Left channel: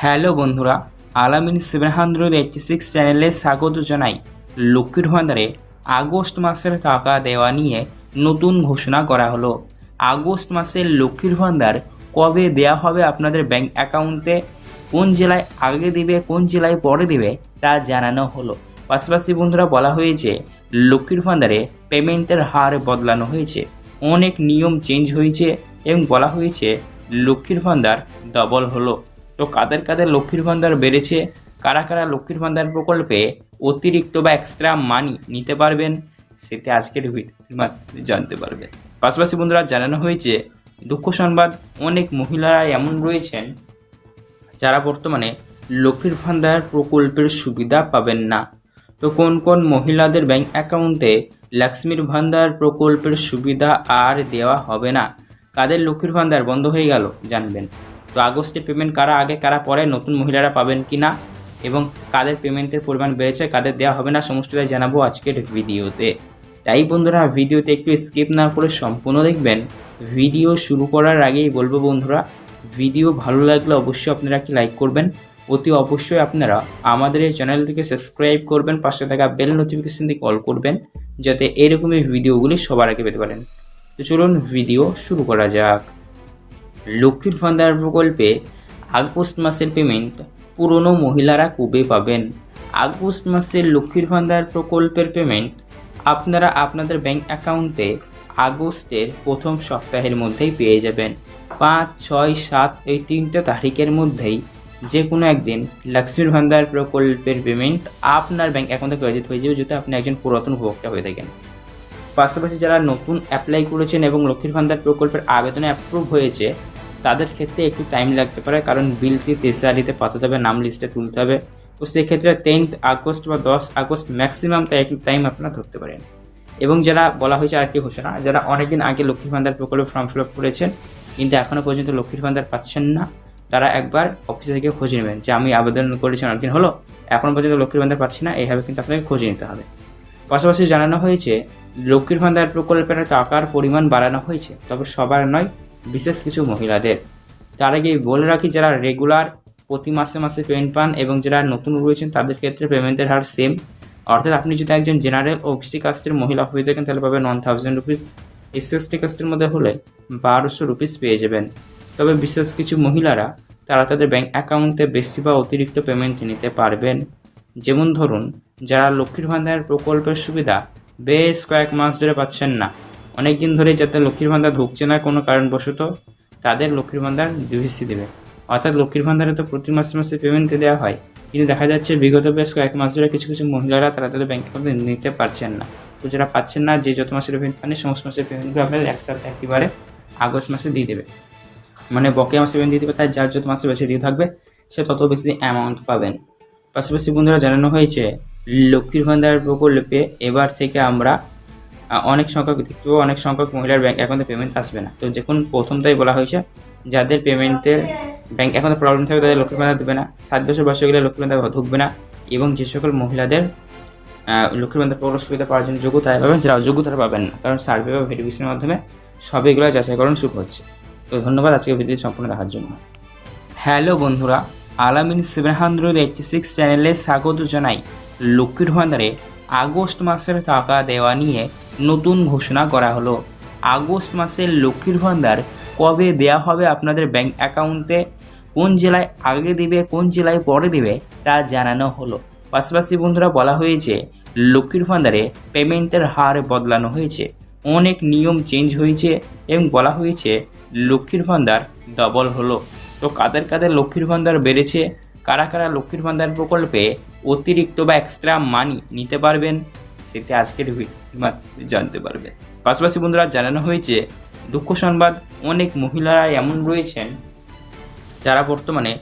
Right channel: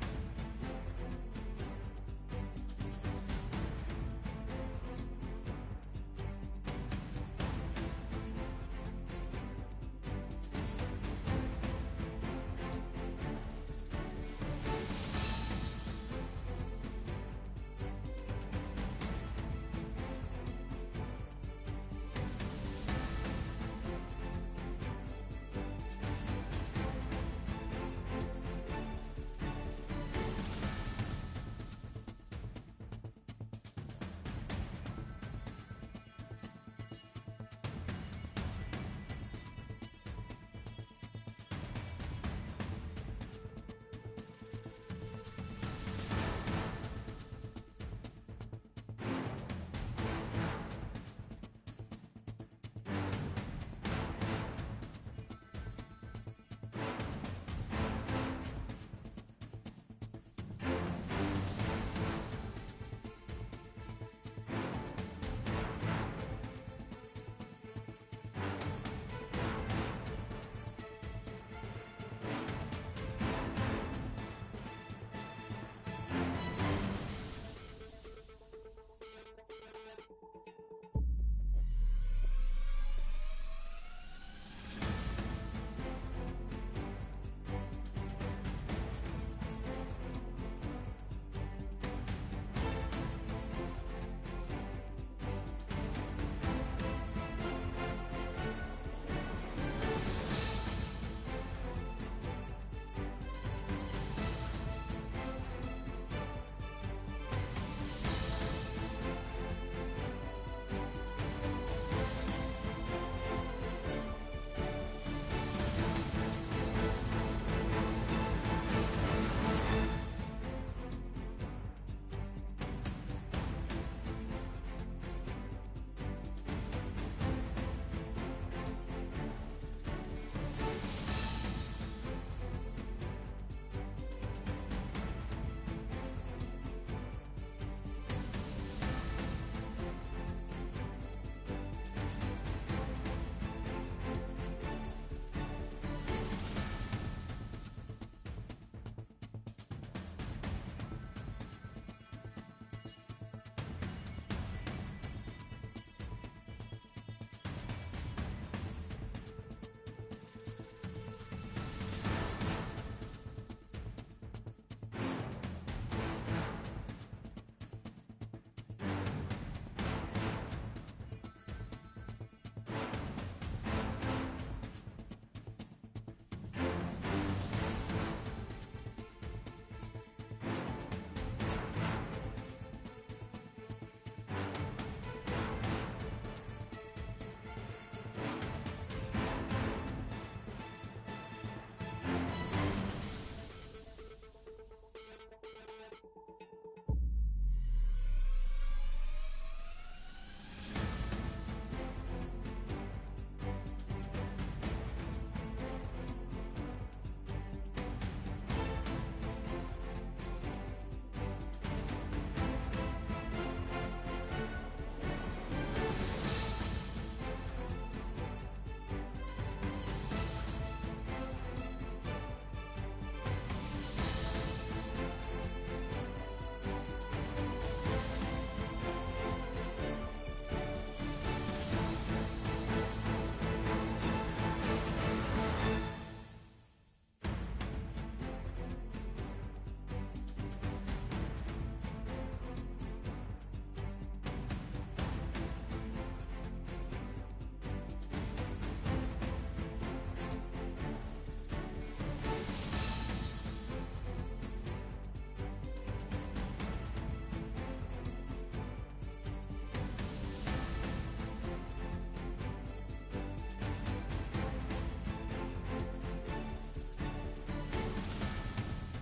Hello বন্ধুরা, আলামিন seven hundred eighty six চ্যানেলে স্বাগত জানাই। লক্ষ্মীর ভান্ডারে আগস্ট মাসের টাকা দেওয়া নিয়ে নতুন ঘোষণা করা হলো। আগস্ট মাসের লক্ষ্মীর ভান্ডার কবে দেওয়া হবে আপনাদের ব্যাংক অ্যাকাউন্টে, কোন জেলায় আগে দিবে, কোন জেলায় পরে দিবে, তা জানানো হলো। পাশাপাশি বন্ধুরা, বলা হয়েছে, লক্ষ্মীর ভান্ডারে পেমেন্টের হার বদলানো হয়েছে। অনেক নিয়ম চেঞ্জ হয়েছে এবং বলা হয়েছে, লক্ষ্মীর ভান্ডার ডবল হলো। তো কাদের কাদের লক্ষ্মীর ভান্ডার বেড়েছে, কারা কারা লক্ষ্মীর ভান্ডার প্রকল্পে অতিরিক্ত বা এক্সট্রা মানি নিতে পারবেন, সেটা আজকের ভিডিওর জানতে পারবেন। পাশাপাশি বন্ধুরা, জানানো হয়েছে, দুঃখ সংবাদ, অনেক মহিলারা এমন রয়েছেন যারা বর্তমানে লক্ষ্মীর ভান্ডার প্রকল্পের সুবিধা পাবেন না। তো কোন কোন মহিলাদের ব্যাংক অ্যাকাউন্টে লক্ষ্মীর ভান্ডার প্রকল্পের সুবিধা আর দেওয়া হবে না? কাদের লক্ষ্মীর ভান্ডার বন্ধ হয়ে গেল, জানবেন। তো আগস্টে পেমেন্ট কারা আগে, কারা পরে, নতুন মহিলারা পাবেন কি না এবং কাদের পেমেন্টের পরিমাণ বেড়েছে, কাদের দেওয়া হবে না সমস্তটাই জানাব আজকের ভিডিওতে। তাই বন্ধুরা, ভিডিওতে একটু স্কিপ না করে সম্পূর্ণ দেখবেন। ভিডিও শুরু করার আগেই বলব বন্ধুরা, ভিডিও ভালো লাগলে অবশ্যই আপনারা একটি লাইক করবেন। অতি অবশ্যই আপনারা আমাদের এই চ্যানেলটিকে সাবস্ক্রাইব করবেন, পাশে থাকা বেল নোটিফিকেশন দিয়ে কল করবেন, যাতে এরকমই ভিডিওগুলি সবার আগে পেতে পারেন। তো চলুন, ভিডিও শুরু করা যাক। লক্ষ্মীর ভান্ডার প্রকল্পে আগস্ট মাসের পেমেন্ট পুরনো মহিলারা কবে পাবেন? আগস্ট মাসের লক্ষ্মীর ভান্ডার প্রকল্পের পেমেন্ট আপনারা আপনাদের ব্যাংক অ্যাকাউন্টে আগস্টের প্রথম সপ্তাহের মধ্যেই পেয়ে যাবেন। পাঁচ, ছয়, সাত এই তিনটে তারিখের মধ্যেই যে কোনো একদিন লক্ষ্মীর ভান্ডার প্রকল্পের পেমেন্ট আপনার ব্যাংক অ্যাকাউন্টে ক্রেডিট হয়ে যাবে যদি আপনি একজন পুরাতন উপভোক্তা হয়ে থাকেন। পাশাপাশি যারা নতুন অ্যাপ্লাই করেছেন এবং লক্ষ্মীর ভান্ডার প্রকল্পের আবেদনে অ্যাপ্রুভ হয়েছে তাদের ক্ষেত্রে একটু টাইম লাগতে পারে, কারণ বিলটি তেসারিতে পাঠাতে হবে, নাম লিস্টে তুলতে হবে। তো সেক্ষেত্রে টেন্থ আগস্ট বা দশ আগস্ট ম্যাক্সিমাম তাই একটু টাইম আপনারা ধরতে পারেন। এবং যারা বলা হয়েছে আরেকটি ঘোষণা যারা অনেকদিন আগে লক্ষ্মীর ভান্ডার প্রকল্পে ফর্ম ফিল আপ করেছেন, কিন্তু এখনও পর্যন্ত লক্ষ্মীর ভান্ডার পাচ্ছেন না, তারা একবার অফিসে থেকে খোঁজ নেবেন যে আমি আবেদন করেছি অনেকদিন হলো এখনও পর্যন্ত লক্ষ্মীর ভান্ডার পাচ্ছি না, এইভাবে কিন্তু আপনাকে খোঁজ নিতে হবে। পাশাপাশি জানানো হয়েছে, লক্ষ্মীর ভান্ডার প্রকল্পের টাকার পরিমাণ বাড়ানো হয়েছে, তবে সবার নয় বিশেষ কিছু মহিলাদের। তার আগে বলে রাখি, যারা রেগুলার প্রতি মাসে মাসে পেমেন্ট পান এবং যারা নতুন রয়েছেন, তাদের ক্ষেত্রে পেমেন্টের হার সেম অর্থাৎ আপনি যদি একজন জেনারেল ও ওবিসি কাস্টের মহিলা হয়ে থাকেন, তাহলে পাবেন one thousand rupees S ST কাস্টের মধ্যে হলে বারোশো রুপিস পেয়ে যাবেন। তবে বিশেষ কিছু মহিলারা, তারা তাদের ব্যাঙ্ক অ্যাকাউন্টে বেশি বা অতিরিক্ত পেমেন্ট নিতে পারবেন। যেমন ধরুন, যারা লক্ষ্মীর ভান্ডার প্রকল্পের সুবিধা বেশ কয়েক মাস ধরে পাচ্ছেন না অনেক দিন ধরে যাতে লক্ষ্মীর ভান্ডার ঢুকছে না কোনো কারণবশত, তাদের লক্ষ্মীর ভান্ডার ডিভিসি দেবে। অর্থাৎ লক্ষ্মীর ভান্ডারে তো প্রতি মাসে মাসে পেমেন্ট দেওয়া হয়। কিন্তু দেখা যাচ্ছে বিগত বেশ কয়েক মাস ধরে কিছু কিছু মহিলারা তারা তাদের ব্যাংক অ্যাকাউন্টে নিতে পারছেন না। তো যারা পাচ্ছেন না, যে যত মাসের পেমেন্ট পান সমস্ত মাসের পেমেন্টগুলো আপনাদের একসাথে একেবারে আগস্ট মাসে দিয়ে দেবে। মানে বকেয়া মাসে পেমেন্ট দিয়ে দেবে তাই যার যত মাসে বেশি দিয়ে থাকবে, সে তত বেশি অ্যামাউন্ট পাবেন। পাশাপাশি বন্ধুরা জানানো হয়েছে, লক্ষ্মীর ভান্ডার প্রকল্পে এবার থেকে আমরা অনেক সংখ্যক পাবো অনেক সংখ্যক মহিলার ব্যাংক অ্যাকাউন্টে পেমেন্ট আসবে না। তো যখন প্রথমটাই বলা হয়েছে, যাদের পেমেন্টের ব্যাংক অ্যাকাউন্টে প্রবলেম থাকবে, তাদের লক্ষ্মীর ভান্ডার দেবে না। সাত বছর বয়স গেলে লক্ষ্মীর ভান্ডার ঢুকবে না এবং যে সকল মহিলাদের লক্ষ্মীর ভান্ডার প্রকল্প সুবিধা পাওয়ার জন্য যোগ্য তারা পাবেন, যারা অযোগ্য তারা পাবেন না। কারণ সার্ভে বা ভেরিফিকেশনের মাধ্যমে সব এগুলো যাচাইকরণ শুরু হচ্ছে। তো ধন্যবাদ আজকে ভিডিও সম্পূর্ণ দেখার জন্য। হ্যালো বন্ধুরা, আলামিন সেভেন হান্ড্রেড এইটটি সিক্স চ্যানেলে স্বাগত জানাই। লক্ষ্মীর ভান্ডারে আগস্ট মাসের টাকা দেওয়া নিয়ে নতুন ঘোষণা করা হলো। আগস্ট মাসের লক্ষ্মীর ভান্ডার কবে দেওয়া হবে আপনাদের ব্যাংক অ্যাকাউন্টে? কোন জেলায় আগে দেবে, কোন জেলায় পরে দেবে, তা জানানো হলো। পাশাপাশি বন্ধুরা, বলা হয়েছে, লক্ষ্মীর ভান্ডারে পেমেন্টের হার বদলানো হয়েছে। অনেক নিয়ম চেঞ্জ হয়েছে এবং বলা হয়েছে, লক্ষ্মীর ভান্ডার ডবল হলো। তো কাদের কাদের লক্ষ্মীর ভান্ডার বেড়েছে? কারা কারা লক্ষ্মীর ভান্ডার প্রকল্পে অতিরিক্ত বা এক্সট্রা মানি নিতে পারবেন? সেটা আজকের জানতে পারবেন পাশাপাশি বন্ধুরা, জানানো হয়েছে, দুঃখ সংবাদ, অনেক মহিলারা এমন রয়েছেন যারা বর্তমানে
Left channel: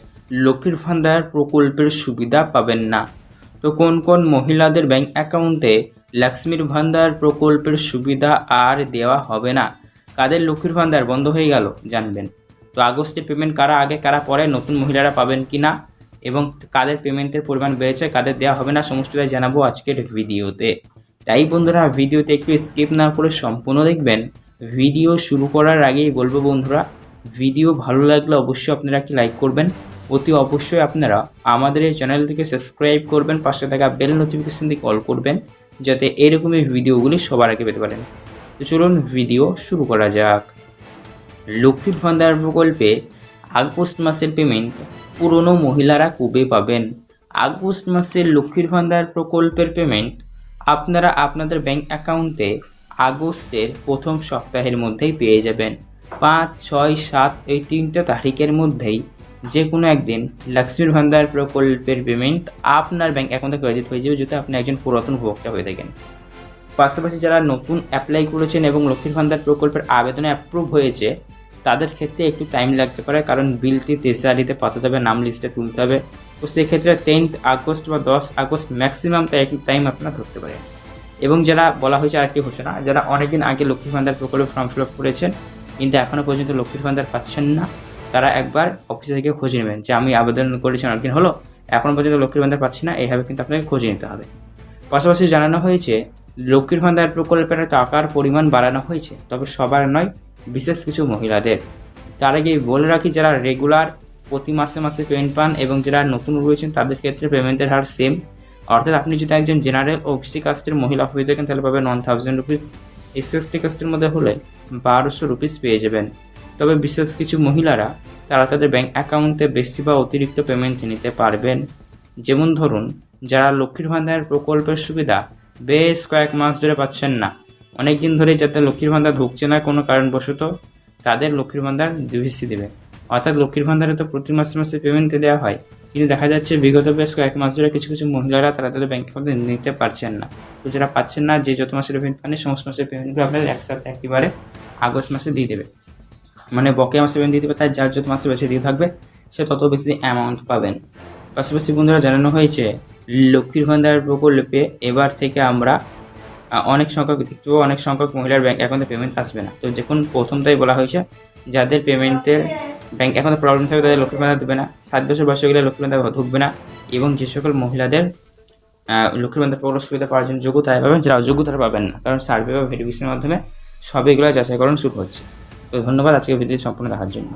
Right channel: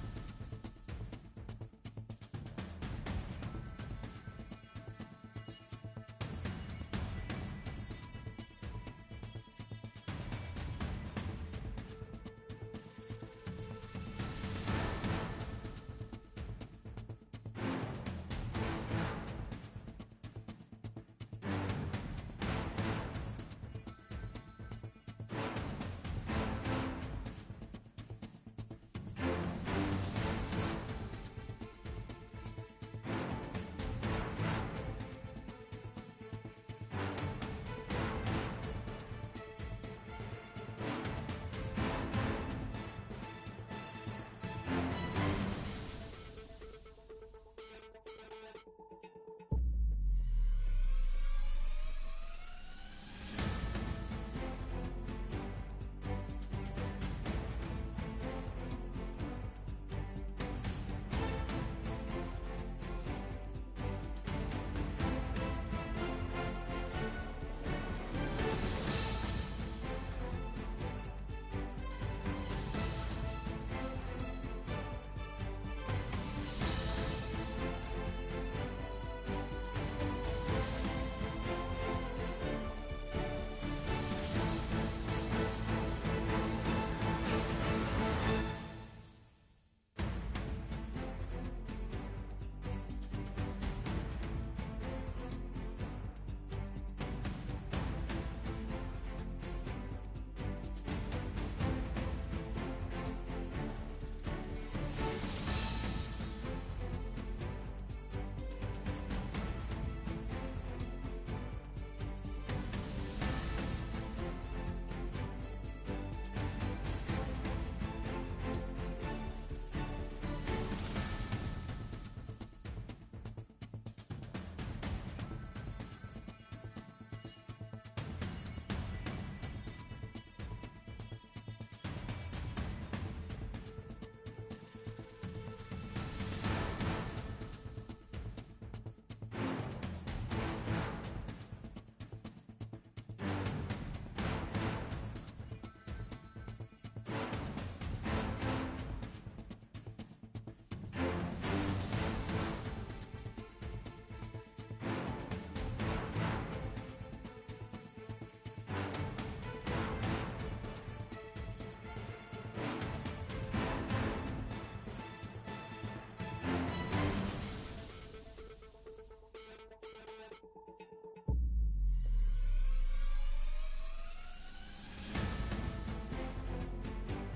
লক্ষ্মীর ভান্ডার প্রকল্পের সুবিধা পাবেন না। তো কোন কোন মহিলাদের ব্যাংক অ্যাকাউন্টে লক্ষ্মীর ভান্ডার প্রকল্পের সুবিধা আর দেওয়া হবে না? কাদের লক্ষ্মীর ভান্ডার বন্ধ হয়ে গেল জানবেন। তো আগস্টে পেমেন্ট কারা আগে, কারা পরে, নতুন মহিলারা পাবেন কি না এবং কাদের পেমেন্টের পরিমাণ বেড়েছে, কাদের দেওয়া হবে না, সমস্তটাই জানাব আজকের ভিডিওতে। তাই বন্ধুরা ভিডিওতে একটু স্কিপ না করে সম্পূর্ণ দেখবেন। ভিডিও শুরু করার আগেই বলব বন্ধুরা ভিডিও ভালো লাগলে অবশ্যই আপনারা একটি লাইক করবেন। অতি অবশ্যই আপনারা আমাদের এই চ্যানেল থেকে সাবস্ক্রাইব করবেন, পাশে থাকা বেল নোটিফিকেশন দিয়ে কল করবেন, যাতে এরকমই ভিডিওগুলি সবার আগে পেতে পারেন। তো চলুন ভিডিও শুরু করা যাক। লক্ষ্মীর ভান্ডার প্রকল্পে আগস্ট মাসের পেমেন্ট পুরনো মহিলারা কবে পাবেন? আগস্ট মাসের লক্ষ্মীর ভান্ডার প্রকল্পের পেমেন্ট আপনারা আপনাদের ব্যাংক অ্যাকাউন্টে আগস্টের প্রথম সপ্তাহের মধ্যেই পেয়ে যাবেন। পাঁচ, ছয়, সাত এই তিনটে তারিখের মধ্যেই যে কোনো একদিন লক্ষ্মীর ভান্ডার প্রকল্পের পেমেন্ট আপনার ব্যাঙ্ক অ্যাকাউন্টে ক্রেডিট হয়ে যাবে যদি আপনি একজন পুরাতন উপভোক্তা হয়ে থাকেন। পাশাপাশি যারা নতুন অ্যাপ্লাই করেছেন এবং লক্ষ্মীর ভান্ডার প্রকল্পের আবেদনে অ্যাপ্রুভ হয়েছে তাদের ক্ষেত্রে একটু টাইম লাগতে পারে, কারণ বিলটি তেসারিতে পাঠাতে হবে, নাম লিস্টে তুলতে হবে। তো সেক্ষেত্রে টেন্থ আগস্ট বা দশ আগস্ট ম্যাক্সিমাম তাই একটু টাইম আপনারা ধরতে পারেন এবং যারা বলা হয়েছে আরেকটি ঘোষণা, যারা অনেকদিন আগে লক্ষ্মীর ভান্ডার প্রকল্পে ফর্ম ফিল আপ করেছেন, কিন্তু এখনও পর্যন্ত লক্ষ্মীর ভান্ডার পাচ্ছেন না, তারা একবার অফিসে থেকে খোঁজ নেবেন যে আমি আবেদন করেছি, অনেকদিন হলো এখনও পর্যন্ত লক্ষ্মীর ভান্ডার পাচ্ছি না, এইভাবে কিন্তু আপনাকে খোঁজ নিতে হবে। পাশাপাশি জানানো হয়েছে লক্ষ্মীর ভান্ডার প্রকল্পের টাকার পরিমাণ বাড়ানো হয়েছে, তবে সবার নয়, বিশেষ কিছু মহিলাদের। তার আগে বলে রাখি, যারা রেগুলার প্রতি মাসে মাসে পেমেন্ট পান এবং যারা নতুন রয়েছেন, তাদের ক্ষেত্রে পেমেন্টের হার সেম অর্থাৎ আপনি যদি একজন জেনারেল ও ওবিসি কাস্টের মহিলা হয়ে থাকেন, তাহলে পাবেন one thousand rupees S S T কাস্টের মধ্যে হলে বারোশো রুপিস পেয়ে যাবেন। তবে বিশেষ কিছু মহিলারা, তারা তাদের ব্যাঙ্ক অ্যাকাউন্টে বেশি বা অতিরিক্ত পেমেন্ট নিতে পারবেন। যেমন ধরুন, যারা লক্ষ্মীর ভান্ডার প্রকল্পের সুবিধা বেশ কয়েক মাস ধরে পাচ্ছেন না। অনেক দিন ধরেই যাতে লক্ষ্মীর ভান্ডার ঢুকছে না কোনো কারণবশত, তাদের লক্ষ্মীর ভান্ডার ডিভিসি দেবে। অর্থাৎ লক্ষ্মীর ভান্ডারে তো প্রতি মাসে মাসে পেমেন্ট দেওয়া হয়। কিন্তু দেখা যাচ্ছে বিগত বেশ কয়েক মাস ধরে কিছু কিছু মহিলারা তারা তাদের ব্যাংক অ্যাকাউন্টে নিতে পারছেন না। তো যারা পাচ্ছেন না, যে যত মাসের পেমেন্ট পান সমস্ত মাসের পেমেন্টগুলো আপনাদের একসাথে একেবারে আগস্ট মাসে দিয়ে দেবে। মানে বকেয়া মাসে পেমেন্ট দিয়ে দেবে তাই যার যত মাসে বেশি দিয়ে থাকবে, সে তত বেশি অ্যামাউন্ট পাবেন। পাশাপাশি বন্ধুরা জানানো হয়েছে লক্ষ্মীর ভান্ডার প্রকল্পে এবার থেকে আমরা অনেক সংখ্যক দেখতে পাবো অনেক সংখ্যক মহিলার ব্যাংক অ্যাকাউন্টে পেমেন্ট আসবে না। তো যখন প্রথমটাই বলা হয়েছে, যাদের পেমেন্টের ব্যাংক অ্যাকাউন্টে প্রবলেম থাকবে, তাদের লক্ষ্মীর ভান্ডার দেবে না। সাত বছর বয়সে গেলে লক্ষ্মীর ভান্ডার ঢুকবে না এবং যে সকল মহিলাদের লক্ষ্মীর ভান্ডার প্রকল্প সুবিধা পাওয়ার জন্য যোগ্য তারা পাবেন, যারা অযোগ্য তারা পাবেন না। কারণ সার্ভে বা ভেরিফিকেশনের মাধ্যমে সব এগুলো যাচাইকরণ শুরু হচ্ছে। তো ধন্যবাদ আজকে ভিডিও সম্পূর্ণ দেখার জন্য।